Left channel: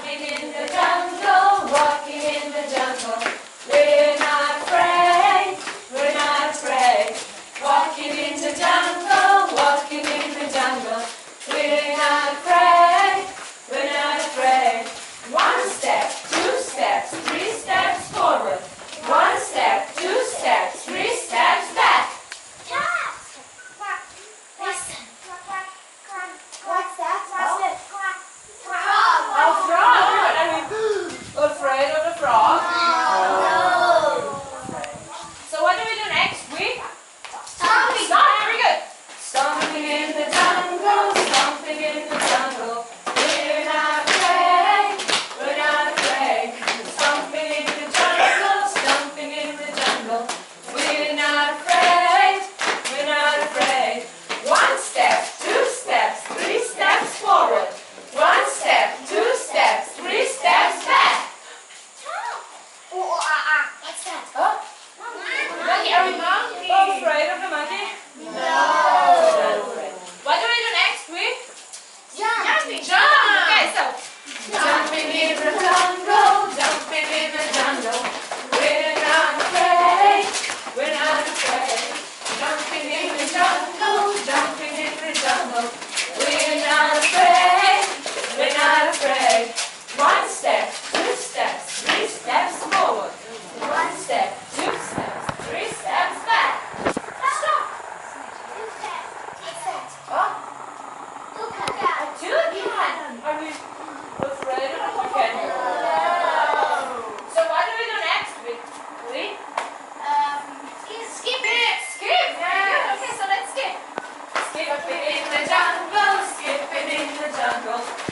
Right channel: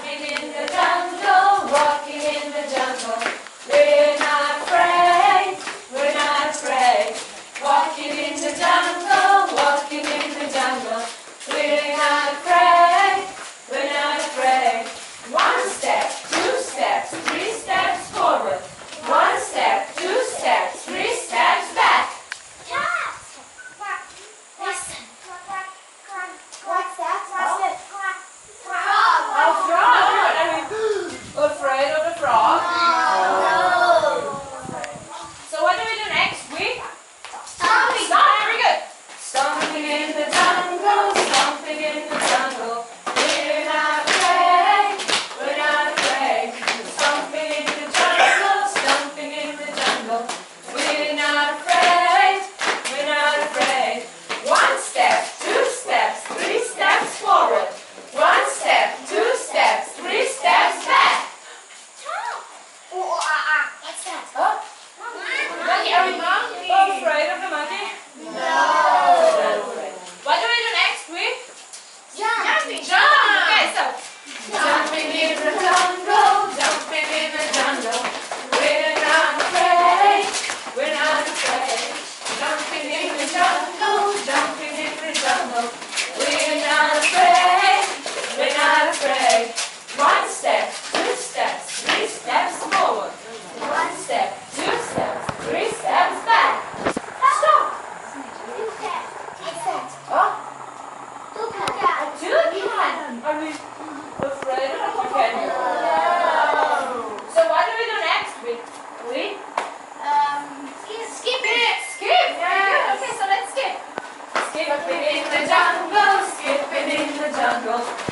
Walking in the jungle, walking in the jungle. We're not afraid, we're not afraid. Walking in the jungle, walking in the jungle. We're not afraid, we're not afraid. One step, two steps, three steps forward. One step, two steps, three steps back. What's that? A frog. Are we afraid of the frog? So what do we do next? We stomp. Very good. Stomping in the jungle, stomping in the jungle. We're not afraid, we're not afraid. Stomping in the jungle, stomping in the jungle. We're not afraid, we're not afraid. One step, two steps, three steps forward. One step, two steps, three steps back. What's that? Oh, monkey. Are we afraid of the monkey? What do we do next? We Jumping. jump. Okay, so jumping in the jungle, jumping in the jungle. We're not afraid, we're not afraid. Jumping in the jungle, jumping in the jungle. We're not afraid, we're not afraid. One step, two steps, three steps forward. One step, two steps, three steps back. Stop. What's that? Oh, Toucan. toucan. Are we afraid of a toucan? So what do we do next? We Skip. skip. Yeah. Okay, so let's skip. Skipping in the jungle, skipping in the jungle.